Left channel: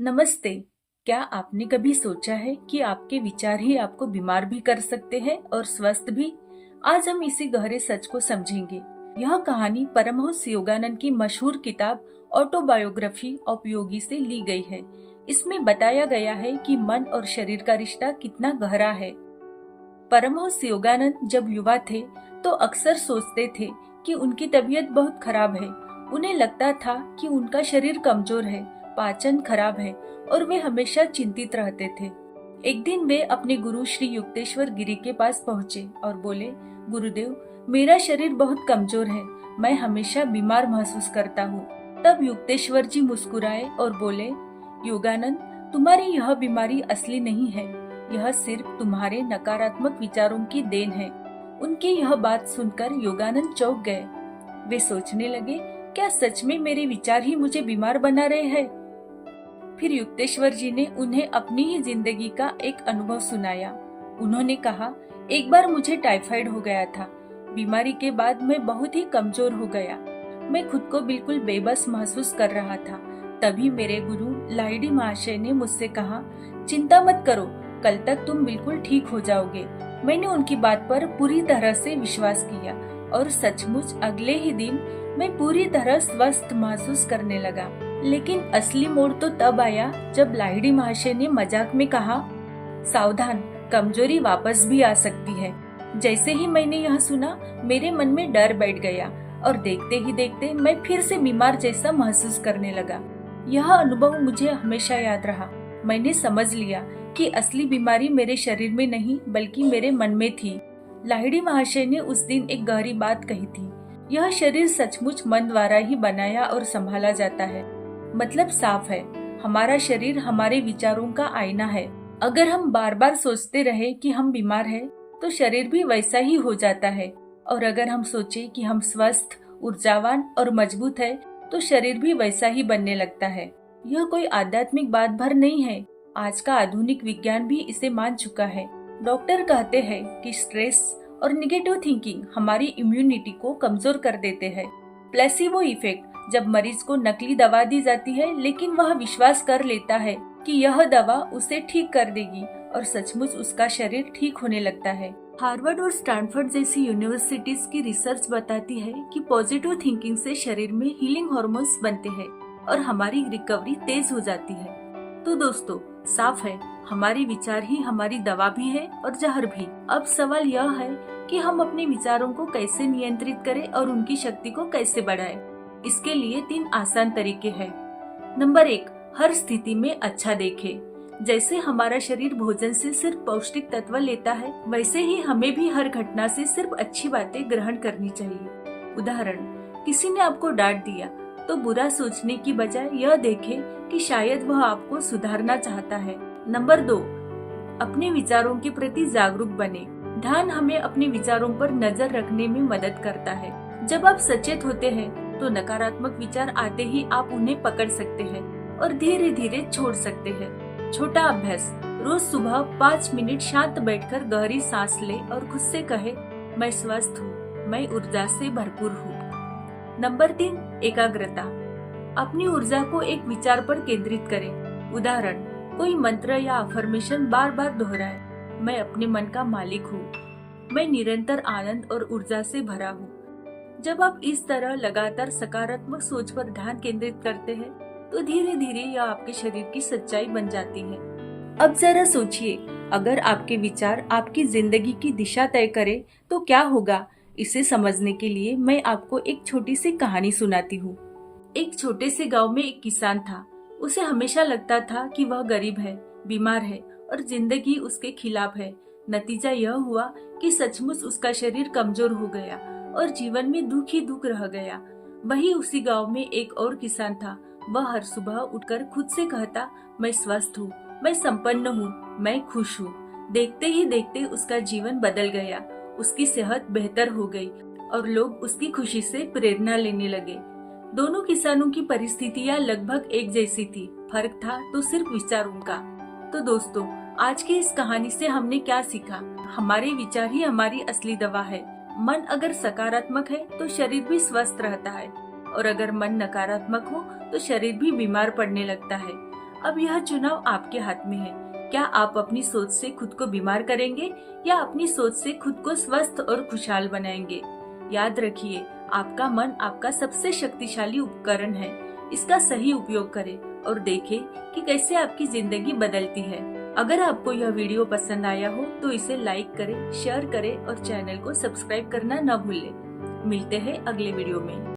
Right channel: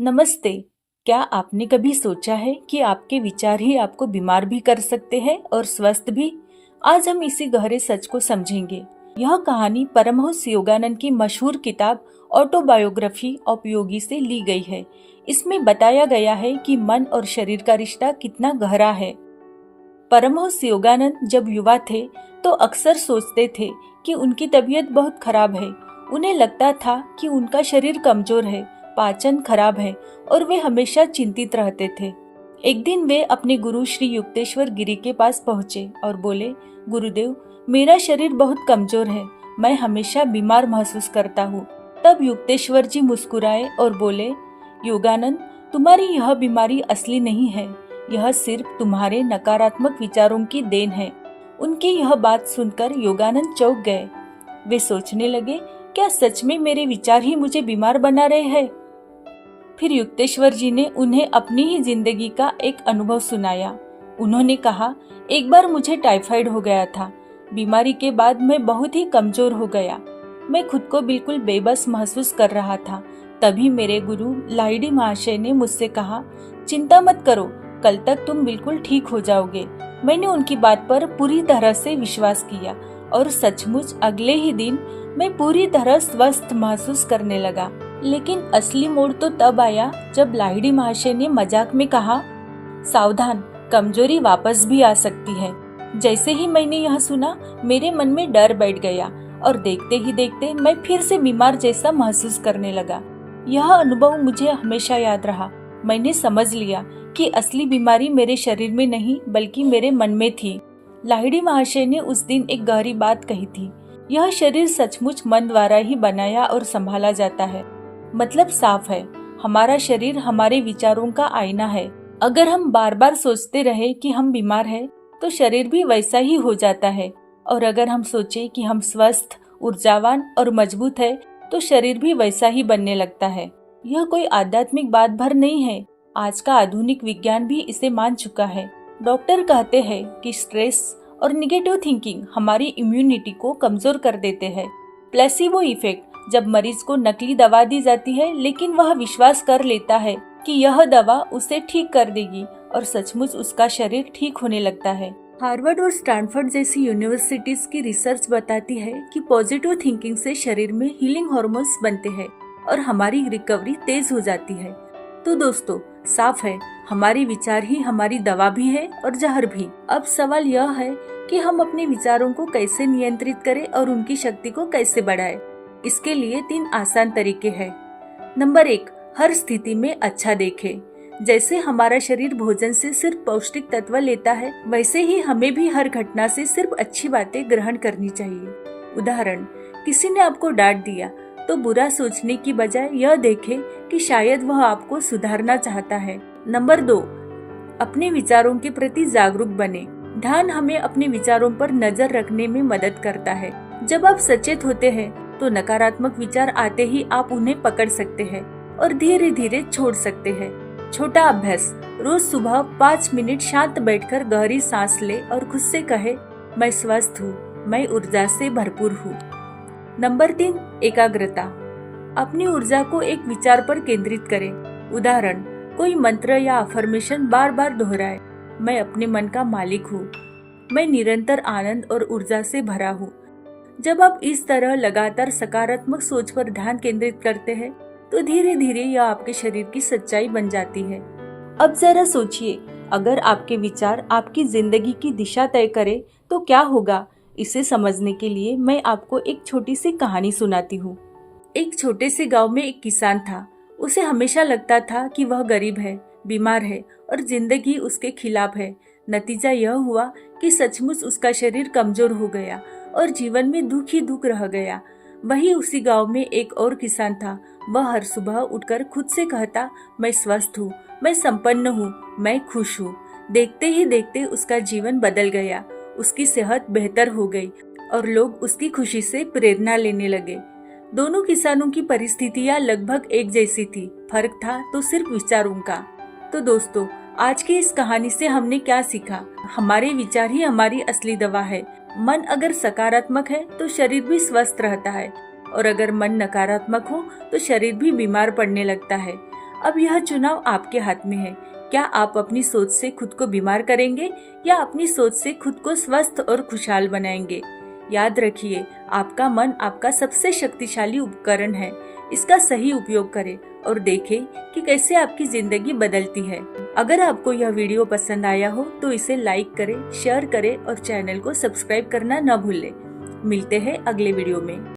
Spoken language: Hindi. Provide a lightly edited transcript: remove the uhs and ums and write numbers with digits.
नमस्ते। क्या आपने कभी सोचा है कि आपके विचार ही आपको बीमार भी कर सकते हैं और स्वस्थ भी? आज हम इसी गहरे सच को समझेंगे। यह कहानी परमहंस योगानंद की मशहूर किताब ऑटोबायोग्राफी ऑफ योगी से ली गई है। इसमें बताया गया है कि मन और शरीर का रिश्ता कितना गहरा है। परमहंस योगानंद जब युवा थे तो अक्सर सोचते थे कि उनकी तबीयत बहुत खराब है। उन्हें लगता था कि उनका शरीर कमजोर है, पाचन खराब है और वे हमेशा चिंतित रहते थे। एक दिन वे अपने गुरु श्री युक्तेश्वर गिरी के पास पहुंचे और बोले, गुरुदेव, मेरा शरीर बहुत कमजोर है, मैं हमेशा बीमार महसूस करता हूँ। तब युक्तेश्वर जी मुस्कुराए और बोले, योगानंद, तुम्हारी यह बीमारी असली नहीं है, यह सिर्फ तुम्हारे नकारात्मक विचारों की देन है। उनकी यह बात सुनकर योगानंद चौंक गए। वे सोचने लगे, क्या सच में मेरे विचार ही मुझे बीमार बना रहे हैं? फिर युक्तेश्वर जी ने उन्हें अपनी ही जिंदगी का एक अनुभव सुनाया। उन्होंने कहा, एक बार मुझे टाइफाइड हो गया था। बीमारी के बाद मैं बहुत ही कमजोर हो गया। मैं खुद को बिल्कुल बेबस महसूस कर रहा था। तभी मेरे गुरु लाहिड़ी महाशय ने मुझसे कहा, चिंता मत करो, कल तक तुम बिल्कुल ठीक हो जाओगे। मैंने उनकी बात पर पूरी तरह से विश्वास किया और सचमुच अगले ही दिन मैं पूरी तरह स्वस्थ महसूस करने लगा। लेकिन असली मोड़ तो तब आया जब लाहिड़ी महाशय ने मजाक में कहा, सावधान, कमजोरी वापस भी आ सकती है। जैसे ही मैंने यह सुना, मेरे मन में डर बैठ गया और देखते ही देखते मैं फिर से बीमार जैसा महसूस करने लगा। यह अनुभव मुझे हमेशा याद रहा। मैंने समझ लिया कि असली बीमारी मेरे शरीर में नहीं बल्कि मेरे मन में थी। लाहिड़ी महाशय ने उस दिन एक गहरी बात कही थी, यह शरीर सचमुच मन द्वारा ही बनाया और संभाला जाता है। मतलब साफ है, हमारा शरीर हमारे विचारों का आईना है। अगर हम बार बार सोचते रहे कि हम बीमार हैं, तो शरीर भी वैसा ही हो जाता है। और अगर हम सोचे कि हम स्वस्थ, ऊर्जावान और मजबूत है, तो शरीर भी वैसा ही बनने लगता है। यह कोई आध्यात्मिक बात भर नहीं है। आज का आधुनिक विज्ञान भी इसे मान चुका है। डॉक्टर कहते हैं कि स्ट्रेस और निगेटिव थिंकिंग हमारी इम्यूनिटी को कमजोर कर देते हैं। प्लेसिबो इफेक्ट, जब मरीज को नकली दवा दी जाती है लेकिन वह विश्वास कर लेता है कि यह दवा उसे ठीक कर देगी और सचमुच उसका शरीर ठीक होने लगता है। हार्वर्ड और स्टैनफोर्ड जैसी यूनिवर्सिटीज की रिसर्च बताती है कि पॉजिटिव थिंकिंग से शरीर में हीलिंग हार्मोन्स बनते हैं और हमारी रिकवरी तेज हो जाती है। तो दोस्तों, साफ है, हमारी विचार ही हमारी दवा भी है और जहर भी। अब सवाल यह है कि हम अपने विचारों को कैसे नियंत्रित करें और उनकी शक्ति को कैसे बढ़ाएं। इसके लिए 3 आसान तरीके हैं। नंबर 1, हर स्थिति में अच्छा देखें। जैसे हमारा शरीर भोजन से सिर्फ पौष्टिक तत्व लेता है, वैसे ही हमें भी हर घटना से सिर्फ अच्छी बातें ग्रहण करनी चाहिए। उदाहरण, किसी ने आपको डांट दिया तो बुरा सोचने की बजाय यह देखें कि शायद वह आपको सुधारना चाहता है। नंबर 2, अपने विचारों के प्रति जागरूक बने। ध्यान हमें अपने विचारों पर नजर रखने में मदद करता है। जब आप सचेत होते हैं तो नकारात्मक विचार आते ही आप उन्हें पकड़ सकते हैं और धीरे धीरे छोड़ सकते हैं। छोटा अभ्यास, रोज सुबह 5 मिनट शांत बैठकर गहरी सांस ले और खुद से कहे, मैं स्वस्थ हूँ, मैं ऊर्जा से भरपूर हूँ। नंबर 3, एकाग्रता। अपनी ऊर्जा को एक विचार पर केंद्रित करें। उदाहरण, कोई मंत्र या अफर्मेशन बार बार दोहराए, मैं अपने मन का मालिक हूँ, मैं निरंतर आनंद और ऊर्जा से भरा हूँ। जब आप इस तरह लगातार सकारात्मक सोच पर ध्यान केंद्रित करते हैं, तो धीरे धीरे यह आपके शरीर की सच्चाई बन जाती है। अब जरा सोचिए, अगर आपके विचार आपकी जिंदगी की दिशा तय करे तो क्या होगा? इसे समझने के लिए मैं आपको एक छोटी सी कहानी सुनाती हूँ। एक छोटे से गांव में एक किसान था। उसे हमेशा लगता था कि वह गरीब है, बीमार है और जिंदगी उसके खिलाफ है। नतीजा यह हुआ कि सचमुच उसका शरीर कमजोर हो गया और जीवन में दुख ही दुख रह गया। वही उसी गांव में एक और किसान था। वह हर सुबह उठकर खुद से कहता, मैं स्वस्थ हूँ, मैं संपन्न हूँ, मैं खुश हूँ। देखते ही देखते उसका जीवन बदल गया। उसकी सेहत बेहतर हो गई और लोग उसकी खुशी से प्रेरणा लेने लगे। दोनों किसानों की परिस्थितियां लगभग एक जैसी थी, फर्क था तो सिर्फ विचारों का। तो दोस्तों, आज की इस कहानी से हमने क्या सीखा? हमारे विचार ही हमारी असली दवा है। मन अगर सकारात्मक है तो शरीर भी स्वस्थ रहता है और अगर मन नकारात्मक हो तो शरीर भी बीमार पड़ने लगता है। अब यह चुनाव आपके हाथ में है। क्या आप अपनी सोच से खुद को बीमार करेंगे या अपनी सोच से खुद को स्वस्थ और खुशहाल बनाएंगे? याद रखिए, आपका मन आपका सबसे शक्तिशाली उपकरण है। इसका सही उपयोग करें और देखें कि कैसे आपकी जिंदगी बदलती है। अगर आपको यह वीडियो पसंद आया हो तो इसे लाइक करें, शेयर करें और चैनल को सब्सक्राइब करना न भूलें। मिलते हैं अगले वीडियो में।